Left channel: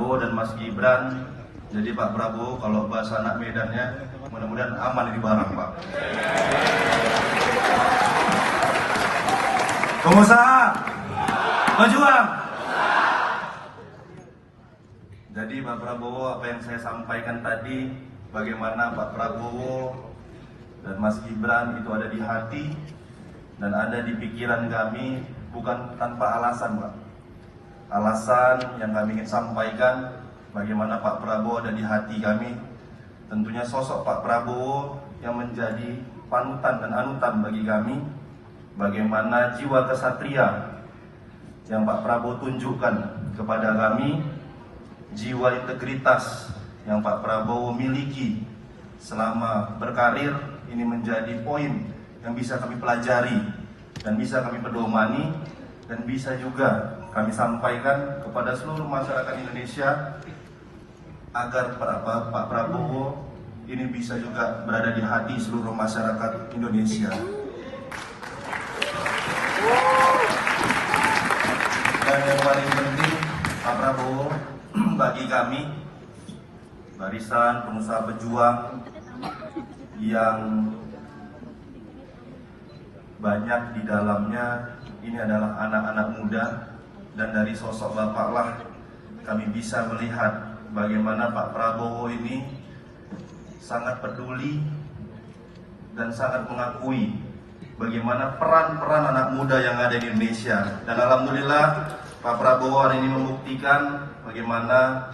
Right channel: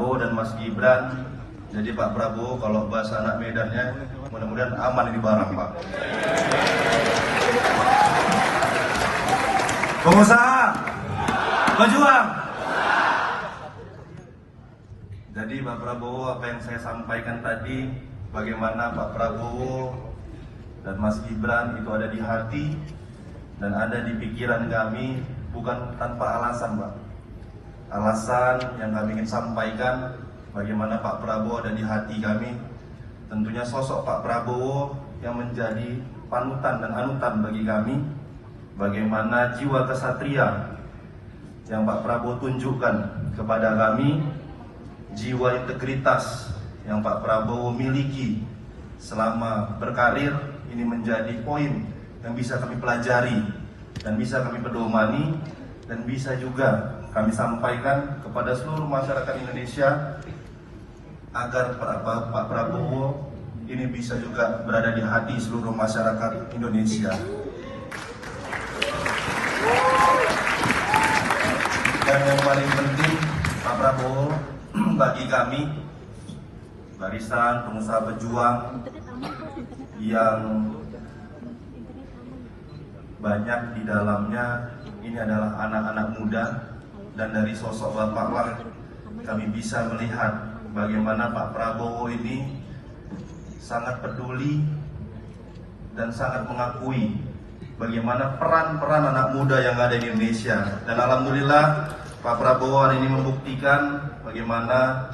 Prabowo dan Mas Gibran. Jadi Pak Prabowo kalau bahasa anak Medannya mudah-mudahan aman ini barang Pak. Pengusaha, berjuang. Jadi Pak Prabowo, apa yang saya sampaikan tadi, bagaimana Pak Prabowo dan Mas Gibran itu ada di hati dan ada di pikiran kami, bukan tanpa alasan Pak. Alasan yang kami ingin sampaikan, bagaimana Pak Prabowo ada di hati kami, tentunya sosok Pak Prabowo yang menjadi panutan dan anutan bagi kami. Bagaimana jiwa kesatria yang Pak Prabowo tunjukkan kepada kami, jiwa integritas yang Pak Prabowo miliki selama berkarir, ini menjadi poin yang bisa kami pelajari dan bisa kami pedomani dan bisa juga kami sampaikan kepada seluruh masyarakat Indonesia agar Pak Prabowo ini bisa juga berada di hati seluruh masyarakat Indonesia. Dan yang paling penting, Pak Prabowo bagi kami barisan pengusaha pejuang yang banyak di dalamnya ini adalah anak-anak muda, dan dari sosok Bapak lah kami bisa melihat bagaimana Pak Prabowo ini sangat peduli dan sangat mengakui bagaimana peran-peran anak muda yang ada di Indonesia. Dan alhamdulillah Pak Prabowo hari ini membuktikan bagaimana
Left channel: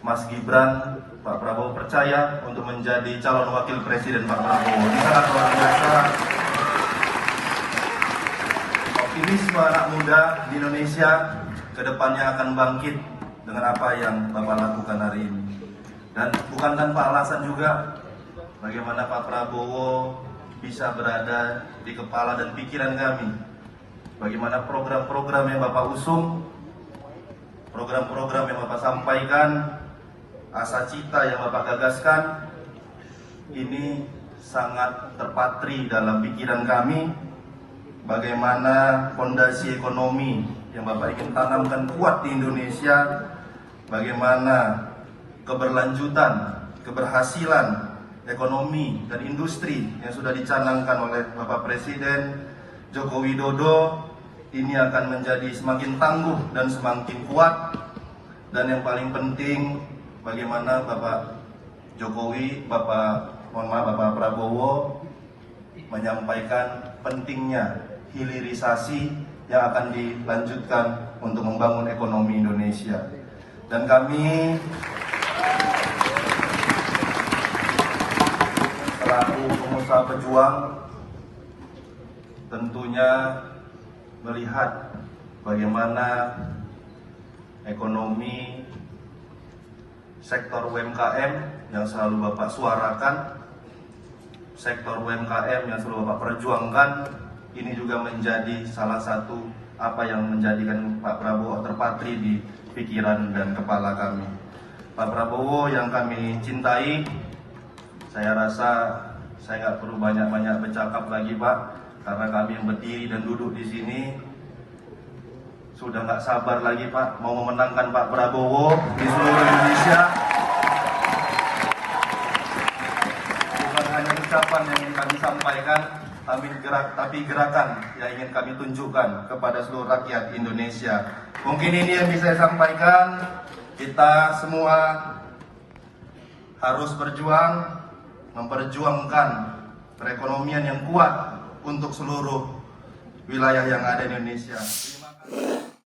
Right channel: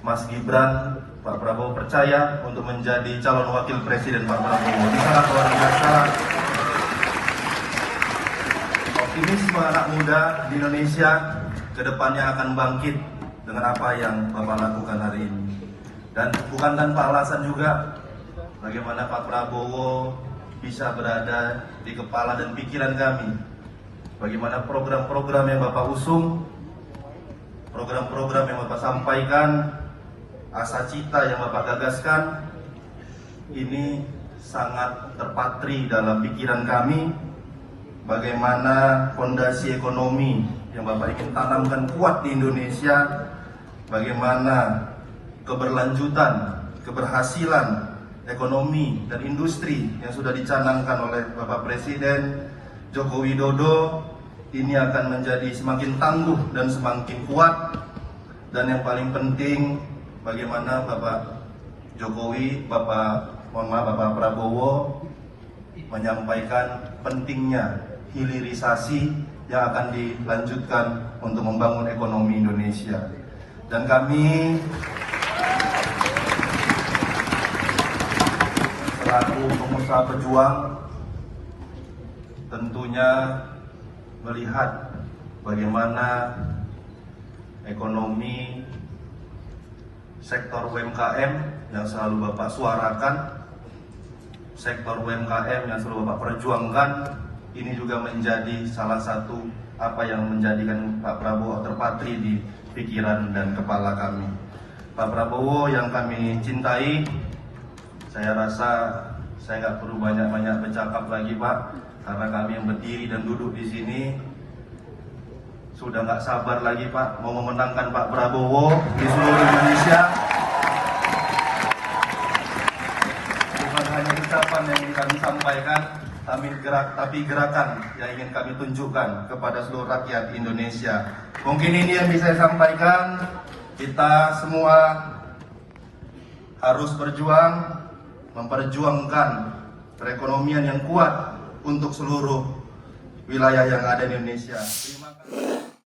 Mas Gibran, Pak Prabowo percaya untuk menjadi calon wakil presiden Pak Prabowo. Ini sangat luar biasa. Optimisme anak muda di Indonesia kedepannya akan bangkit dengan apa yang Bapak lakukan hari ini. Dan bukan tanpa alasan juga bagaimana Pak Prabowo bisa berada di kepala dan pikiran kami. Bagaimana program-program yang Bapak usung, program-program yang Bapak sampaikan, asa cita yang Bapak gagaskan, ini sangat terpatri dalam pikiran kami. Bagaimana fondasi ekonomi yang Bapak ingin tanamkan kuat di Indonesia, bagaimana keberlanjutan, keberhasilan ekonomi dan industri yang sudah dicanangkan oleh Bapak Presiden Joko Widodo ini akan menjadi semakin tangguh dan semakin kuat. Dan yang paling penting, bagaimana Bapak Jokowi, Bapak Prabowo menyampaikan pentingnya hilirisasi yang akan dilanjutkan untuk membangun ekonomi Indonesia. Dan kami selaku pengusaha pejuang tentunya melihat bagaimana ekonomi sektor UMKM yang selalu Bapak suarakan, sektor UMKM yang selalu Bapak perjuangkan, ini juga menjadi salah satu apa yang menjadikan Pak Prabowo terpatri di pikiran dan kepala kami. Pak Prabowo yang kami cintai, saya rasa saya nggak perlu banyak-banyak bercakap lagi Pak, karena kami yang berdiri dan duduk di sini sudah nggak sabar lagi Pak mau memenangkan Pak Prabowo di seluruh Indonesia. Bukan hanya ucapan yang kami sampaikan, tapi gerakan yang ingin kami tunjukkan kepada seluruh rakyat Indonesia. Mungkin ini yang bisa saya sampaikan. Kita semua harus berjuang, memperjuangkan perekonomian yang kuat untuk seluruh wilayah yang ada di Indonesia. Terima kasih.